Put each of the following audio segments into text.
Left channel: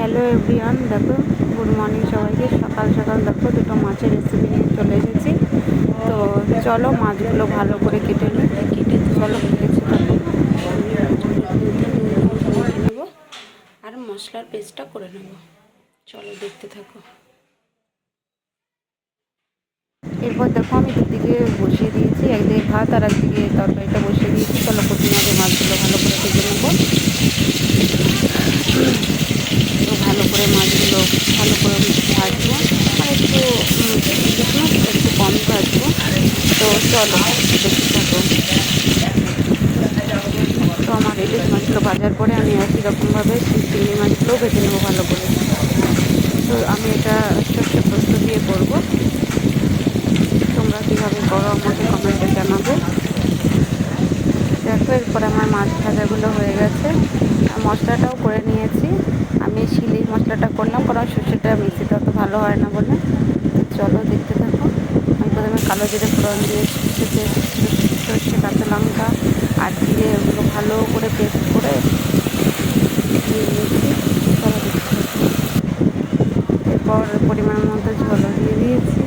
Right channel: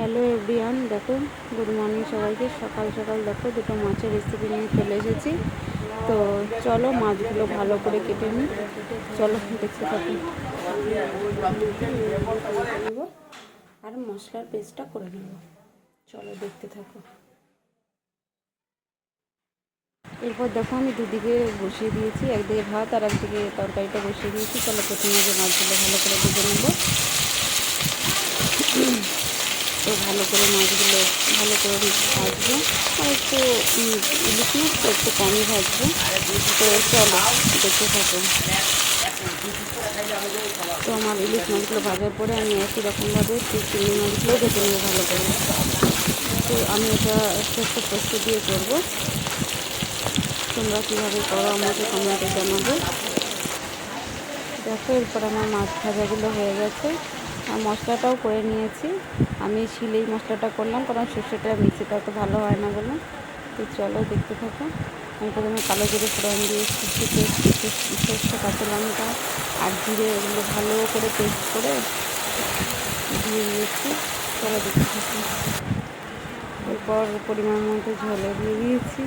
Hello everyone, দেখো good morning সবাইকে। সকাল সকাল দেখো দুটো মাছের রেসিপি নিয়ে চলে এসেছি। তো চলো মাছগুলো ভালো করে কেটে নিই। চলো দেখতে থাকো। নেব আর মশলার পেস্টটা করে নেব। চলো দেখতে থাকো। এরপর দেখো আমি দুদিকে বসিয়ে দিয়েছি, একদিকে ভাত আর একদিকে তরকারিটা বসিয়ে দিয়েছি। চলো প্রথমে আগে মাছগুলো ভালো করে ভেজে নেব। তো ভালো করে মাছগুলো ভালো করে ভাজবো, আর একটু ইলিশ মাছ একটু কমই ভাজবো। তো চলো দেখতে থাকো। তো আমার ইলিশ মাছগুলো ভাজার পরে আমি একই রকমভাবে চিংড়ি মাছগুলোও ভেজে নেবো ভালো করে। তো আমি এটা একটা পোস্ত দিয়ে করবো। তোমরা কীভাবে করো আমাকে কমেন্টে জানাবে। দেখো এরপর আমার মাছ ভাজাগুলো হয়ে গেছে আর মশলাটাও করে নিয়েছি। আমি শিলেই মশলাটা করলাম, কারণ সর্ষেটা মিক্সিটা তো ভালো হয় না বলে। তো চলো দেখতে থাকো। আমি প্রথমে কালো জিরে ফোড়ন দিয়ে সর্ষে কাঁচা লঙ্কা আর জিরে এগুলো ভালো করে পেস্ট করে দিয়ে দিয়েছি। চলো দেখতে থাকো। এরপর পরিমাণ মতো ঝোলও দিয়ে দিয়েছি।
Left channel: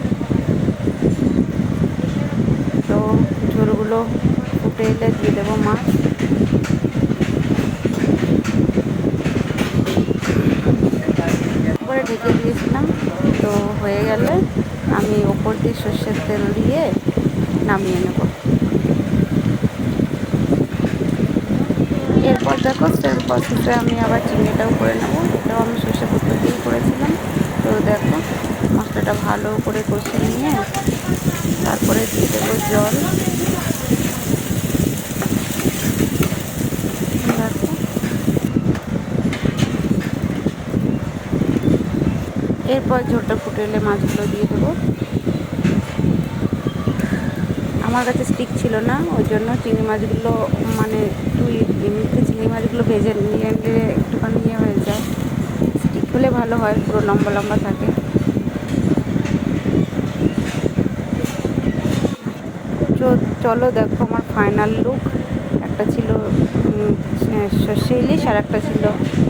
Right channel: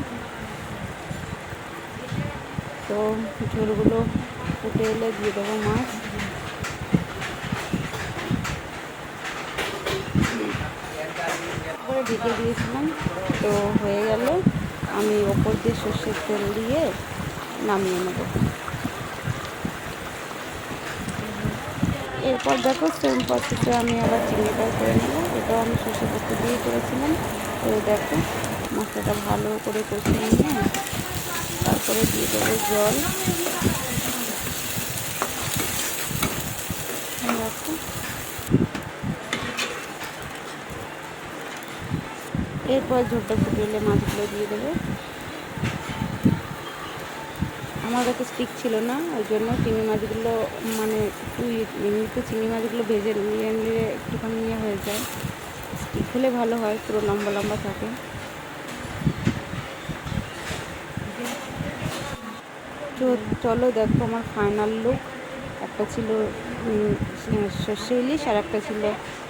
তো ঝোলগুলো ফুটে এলে দিয়ে দেবো মাছ। তারপরে ঢেকে দিয়েছিলাম। তো হয়ে গেলে আমি ওপর দিয়ে সর্ষের তেল দিয়ে নামিয়ে নেব। এরপর দেখো সেম প্রসেসে আমি আবার চিংড়িটাও করে নেব। এটাও আমি সর্ষে পোস্ত দিয়েই করেছিলাম। তো দেখো মশলাটা ভালো করে কষিয়ে নিয়ে তারপরে দিয়ে দেবো জল। দেখো এরপর ঝোলটা ফুটে এলে মাছগুলো দিয়ে দেবো। আমার কাছে স্টিক ছিল না, ওই জন্য চিংড়ি মাছগুলো মানে এমনিতে চিংড়ি মাছগুলো ভেজে নিয়ে নিলে একটুখানি ইয়ে হয়ে যায়। স্টিক হলে ভালো হয়, পুরো লম্বা লম্বা থাকে। চলো দেখো আমার ফাইনাল লুক। একটা ছিল সর্ষে ইলিশ আর একটা ছিল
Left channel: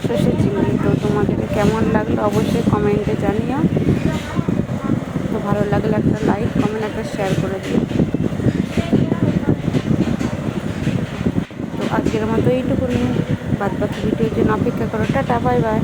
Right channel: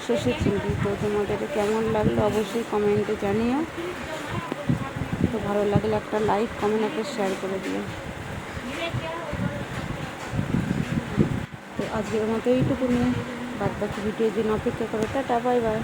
সর্ষে চিংড়ি। তো তোমাদের কেমন লাগলো অবশ্যই কমেন্টে জানিও। তো ভালো লাগলে একটা লাইক কমেন্ট একটা শেয়ার করে দিও। তো আজকের মতো এইটুকুনি, বাদ বাকি ভিডিওর জন্য অপেক্ষা করো। Tata, bye bye.